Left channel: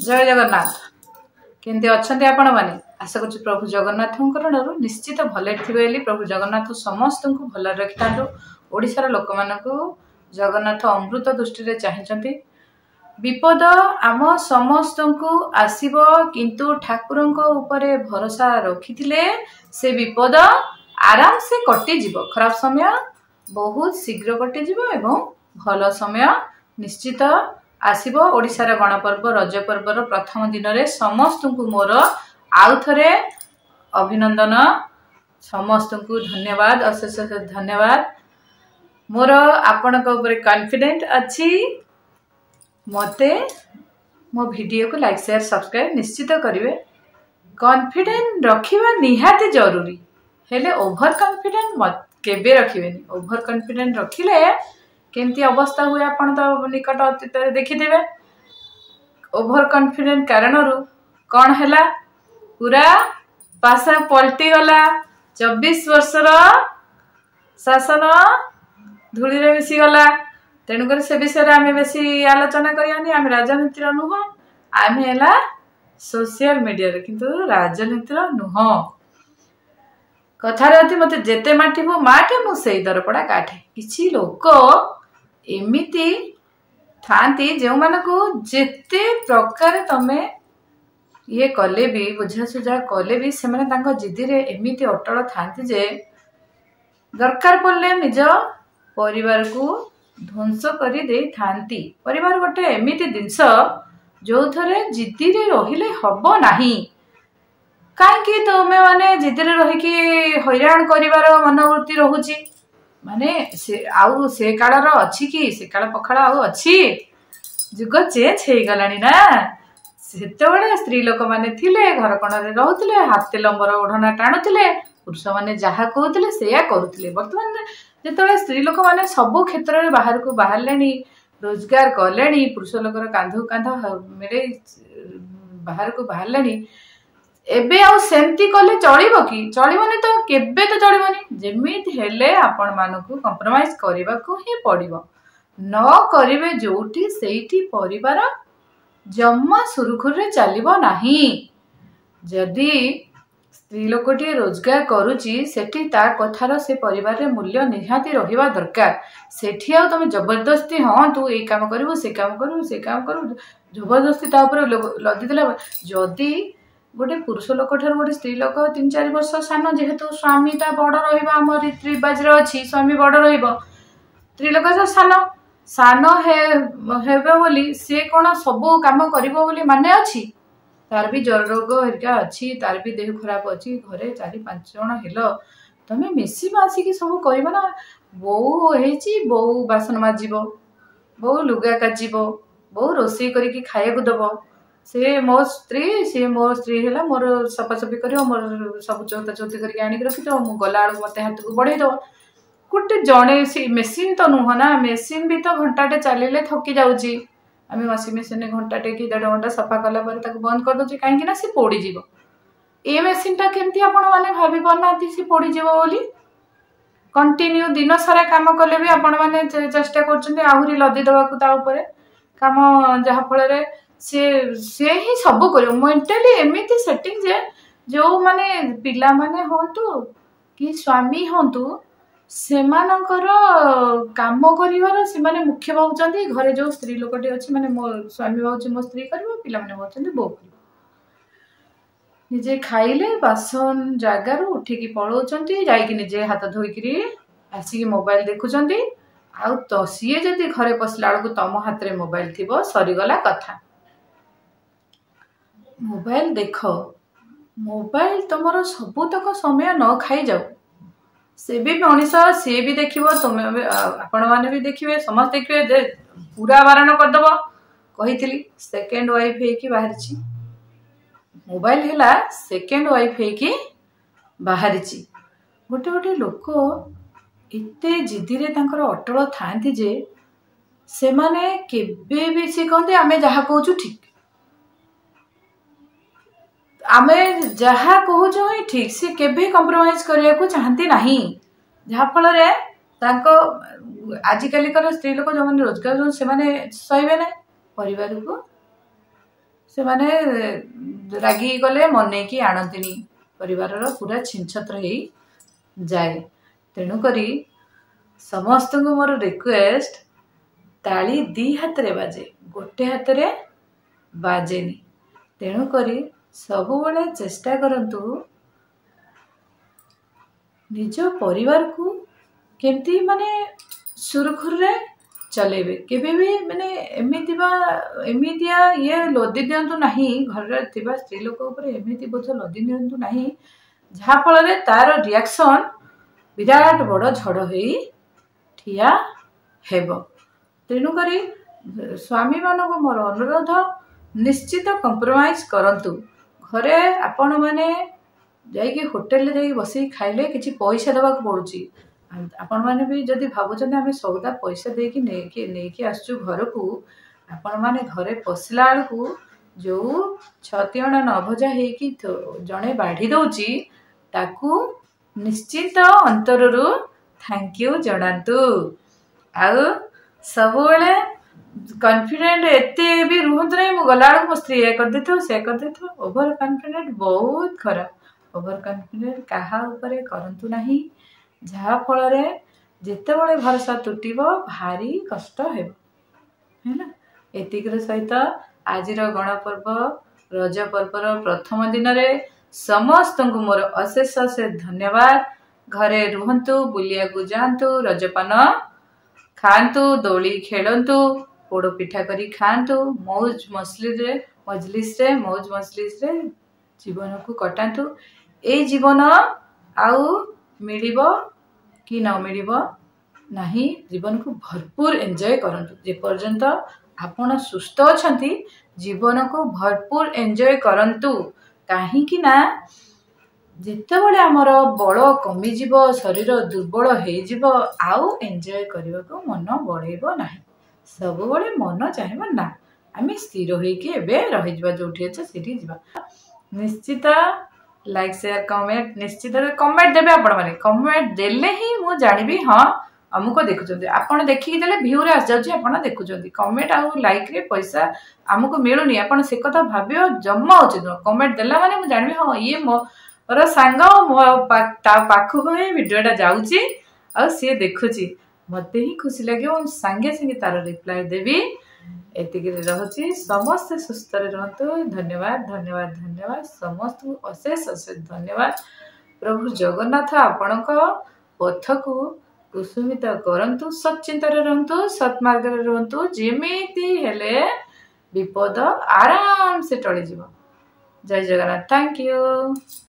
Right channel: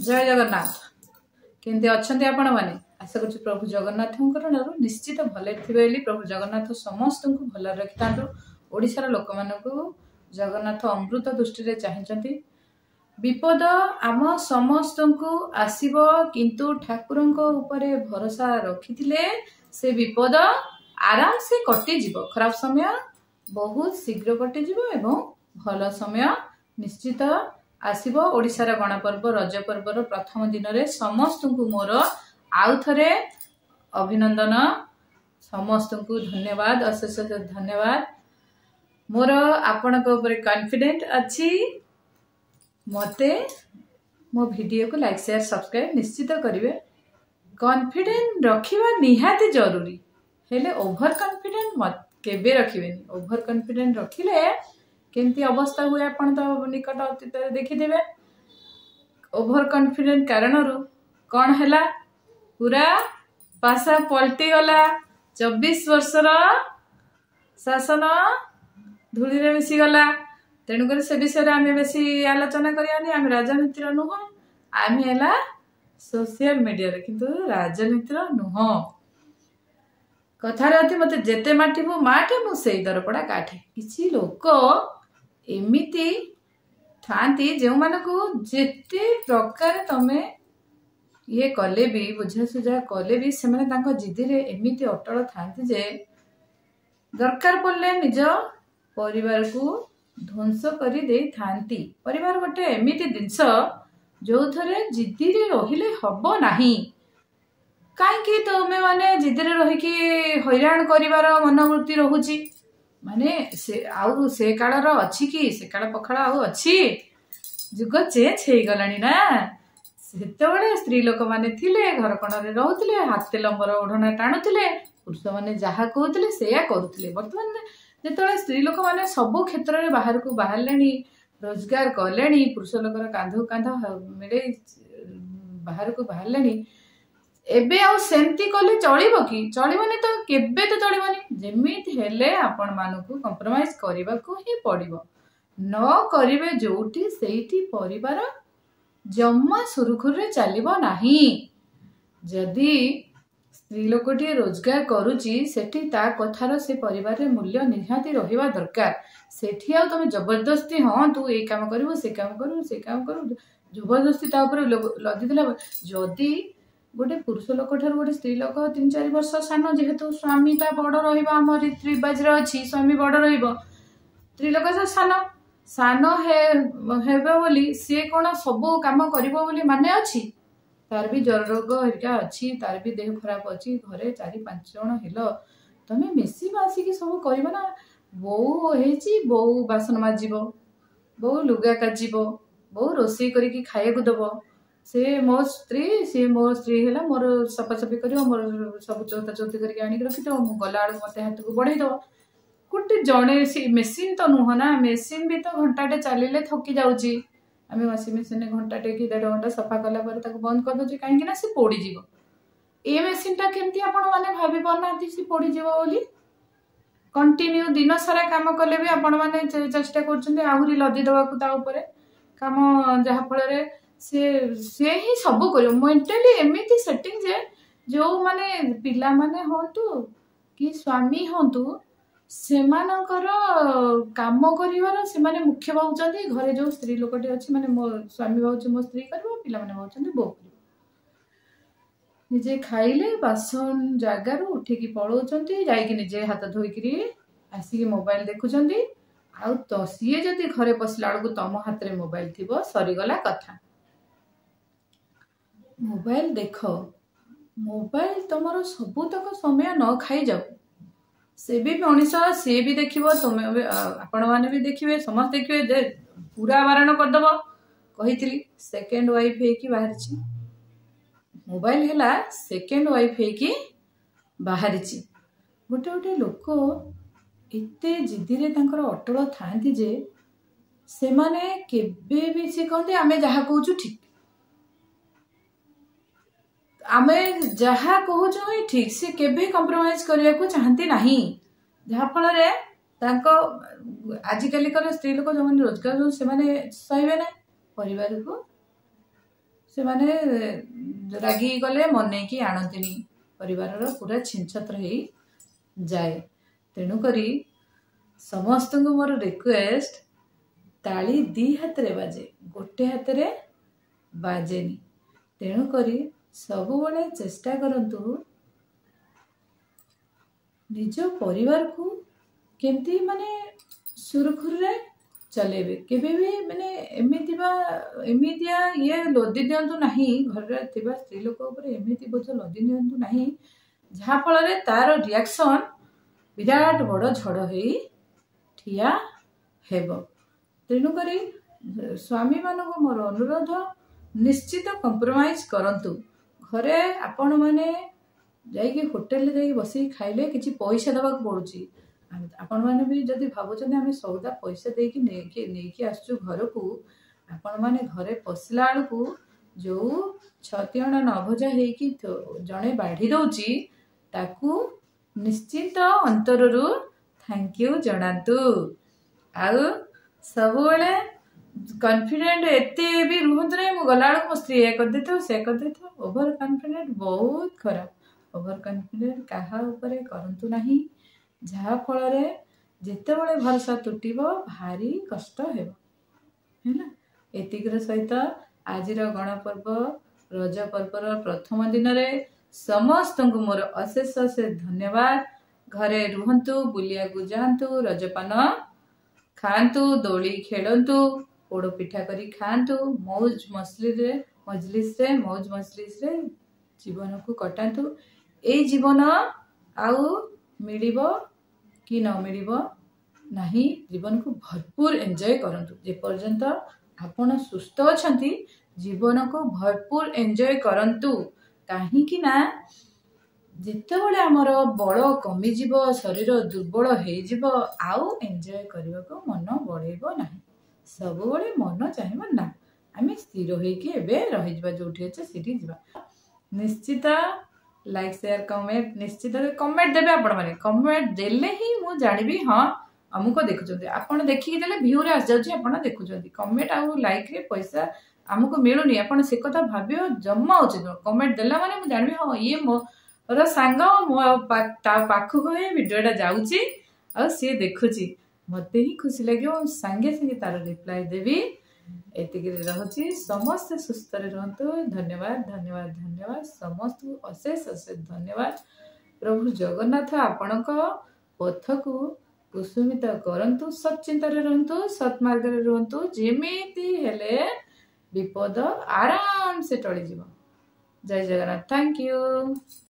जय जगन्नाथ केमती अच्छा आपण मैंने आशा कर प्रभु जगन्नाथ करणु निश्चित भले प्रभु जगन्नाथ समस्त को भल रखि था। ओडिशार लोक मानू जगन्नाथ अमृत दृष्टि चाहते विपद आम समस्त को आसब किंतु ठाकुर भरोसा रखी से विपद आराम से कटिज खराब समय बहुत शीघ्र कटिज एवं भल समय निश्चित आसब। ओडिशार गणपर्व रज पर्वर प्रथम दिन में समस्त को मोर आउ थे अभिनंदन समस्त को धन्यवाद अशेष धन्यवाद। मोर आपण कॉन्फिडेंट अच्छी मते मो वीडियो को लाइक शेयर सब्सक्राइब निश्चित करेंगे। कॉन्फिडेंट रखा निहाती जरूरी हेले ओभर कॉन्फिडेंट केबे रखिबेनी। ओभर कॉन्फिडेंट रखिले केमती अवस्था हुए आपण तो निकट अतीत देखिथे। ओभर कॉन्फिडेंट कारण कौन है पूरा पासा पलटि गला 24 वर्षर शासन धूली रे मिसी गला। तेणुकर से विषय आम बेसी आलोचना करियानी। आम राजनीति नुह आम है सोशल मीडिया किंतु राजनीति नुह। कथार अति मत जेते माटिबो माटे मु सेई दरपड़ा काठे। किछि लोक एमिति थांती जो मानको जेते प्रकार तमे ये कले भी बुझासुझा कले भी से जिद्दी रे एमिति अटल थांती जे दरकार पड़ले निज परिवार को ध्वंस करी दे थांती। परिवार गोटे एमिति जिनस जो थरे जिद्दी रे रहिले हबो नाही। कहीं तुमे माने जिद्दी रे रहिकी हैरान करिवार मनोवृत्ति रहुची माने से आउ से कालर अच्छी कि से काल पखाड़ आउ अच्छी जुग चेंज हो गलानी ना। सेतेबेले स्त्री लोक माने थिले घर कोणरे रहउथिले हाथ लंबर ओढ़ना टाणुथिले पुरुष माने जहा कहउथिले सेया करूथिले। वर्तमान जेतेबेले स्त्री लोक माने सब क्षेत्र में बाहर को बाहरलेनी रोजगार कलेनी पुरुष लोकर कांधु कांध मेरे बाहर को बाहरलेनी एबे आउ सेमती कले चलिबो कि चलिबोनी तो केबे तो चलिबोनी। जेमिति हेले आपण मानकु कंप्रोमाइज करबा को ही पड़िबो। न करिवे जोटी सेठी परिवार जम्मा सुरखुरे चलिबो नाही। जदि स्त्री लोकटी रोजगार करूची सेठी ता कथार से परिवार रे मूल्य निहाती रहिबा दरकार। सेठी आ तुम जबरदस्ती हाँ तू ए काम करिवो से काम करू से काम करू जबरदस्ती ता ऊपर लदी देला। जदि गोटे पुरुष लोक ठार गोटे स्त्री लोक 3-4 वर्ष सान जेहेतु स्वामी ता बड़ रहिबा हम रीति रिवाज रे अछि स्वामी बड़ रहिबो स्त्री लोक तो सान सान हेबे बोली से कोन सब काम करिवो बोली माने अछि। तार भी जर रोग हरिका अछि तार भी देह खराब अछि घरे 4-5 जण हेलो तमे मिसी मासी की सब करिबो ना। बो हेची बो बासन माजिबो बो लुगा काजिबो बो रोसई करिकी खाया को दबो से मो स्त्री है मोर सफासफी कर मोर सब चौता चौती करके आनिक रखी दो मु गला मत हाथ को बढ़े दो गोटे जड़े सी मेसीन तो नुह ना। मेसीन भी तो घंटाटे चलिए थकी जाऊँगी आम वाशिंग मेसीन घंटाटे कि 1.5 घंटा सफा कला बंद कर दूसरी कहीं सी पोड़ीज ये मेसीन टा केमती आपण मैंने भावी पाना सी पोड़ीज बोली। कंटिन्यू दिन सारा काम कले भी आपण मैंने चेष्टा कर लदी दवा काम जहाँफल से ही सब कर मेंटाली एमती सेटिंग जे जो माने पिला माने होंतु कि स्वामी होंतु से काम करिवार से माने मुख्य भावुचंदी। घरे जो स्त्री लोकटी अछि माने मो स्वामी भावुची मो स्त्री करबो पिला माने भावुचंदी बो निजे खाइले बासन जागार उठिकी पळौचंती जाइकी निजे हाथ धोइकी आसिकी मोबाइल देखुचंती आ तो सीए जदि घरे पसला बेलू तम हाथ रे मोबाइल थिबो सरीगला कथा। मोबाइल देख मोबाइल तुमर सबुतक समय न खाई जाऊ से भी मनीष सी भी देखिए तुम आपण मैंने भी देखिए समस्त देखिए पूरा बारण करदब कही सेकेंड वाइफ है बाहरी मोबाइल है सेकेंड वाइफ है बाहरी गोटे गोटे लोक एते जिद्दी रे तांकर अटल थांती जे से माने केबे भी सी कहते आमे जहा कहूँ ठीक आमे जहा कहूँ ही ठीक से केबे कंप्रोमाइज करने को चाहती नहीं। जहाँफल आजिकल स्त्री लोक जो रोजगार से सहे ना परिवार को से माने रागी गले मन की आणती परिवार पूरा छिनछत्र हो जाए। तेणुक समस्त को मोर रिक्वेस्ट ताली दी हाथ रे बाजे गोटे हाथ रे बाजेनी। तेणुक सब बेले चेष्टा करंतु निज परिवार को केमती माने सुरखुर रे चलेबे। केबे भी माने एमितिया ये लदी दियंतु नाही घर थिबा स्त्री लोक ऊपर एमिति बोझ लदी दियंतु नाही जहा फल रे तार रिएक्शन विराट बड़ झड़ होई ठिया हेबो। तेणु करी स्वामी मानक मोर अनुरोध निश्चित कंप्रोमाइज करंतु। घरे आपण माने जाइए होटेल जाइए बस खाइले किसी पैसा देवा पड़ुची। आपण मैंने भी जदि भावुं आम सौदा पैसा देकी नहीं आसचु घर को आपण मैंने घरे पशला बेलू जो छतिअणा न भजा हो जड़े बाढ़ी दौची ताकू निश्चित अंतर थैंक यू जनातु। आउ सब कॉन्फिडेंट एते भी रुहत नहीं मु गला मो स्त्री ये कर देथो से कर देथो। ओवर कॉन्फिडेंट बहुत खराब। ओवर कॉन्फिडेंट कहा ऊपर करंतु नहीं जहा फल रे जेते बड़े भरोसा तुटिबो भारी कष्ट हेबो है ना। एतिकर सहित आजिर गणपर्व रज पर्वर प्रथम दिन रे समस्त को मोर अशेष अशेष धन्यवाद। घरे रुहंतु बुलिया को जांतु रजपान खांतु दोली खेलंतु पोड़ पिठा करी खांतु मौज मजलिस रे जीवन को कटातु। ए जीवन आउ मिलिबो कि न मिलिबो नाही जीवन को भरपूर एंजॉय करंतु। जे पर्यंत आपण सुस्थ अछंती जीवन को भरपूर एंजॉय करंतु। काहे कि ना जिते बड़े आमर बल कमी जीव शरीर दुर्बल हो आउ एंजॉय करने को मन बढ़ेब ना। सब बड़े मन चाहिए ना आम स्थिर होगी जोठी अच्छे सीठी जा निश्चित लाइक शेयर कमेंट निश्चित कमेंट देवे। आपण मैंने कमेंट देले ही मु जानिबी हाँ आमको देखुं आपड़ देखिकी देले भ्यू रे आस जाउछि आपण देखुं। कमेंट आउ लाइक रे पैसा आमको मिलूनी आपण से कथा भाबियो जम्मा उचित। कमेंट देला माने मु जानिबी हाँ ये मोर सांग मो पाखक भिडियोटा जाउछि आ सी देखुछि मते ही खुशी लगे सांगे सांगे तार रिप्लाई देवी। एतिक रहुछि समस्त सुस्थ रहतु। धन्यवाद धन्यवाद धन्यवाद समस्त अशेष अशेष धन्यवाद। प्रभु जगन्नाथ आपणक पथ को कुसुमित करंतु सच्चिंतार रहतु सत्मार्ग रहतु जेमिति हेले विपद आराम से टली जीव। जय जगन्नाथ। Thank you.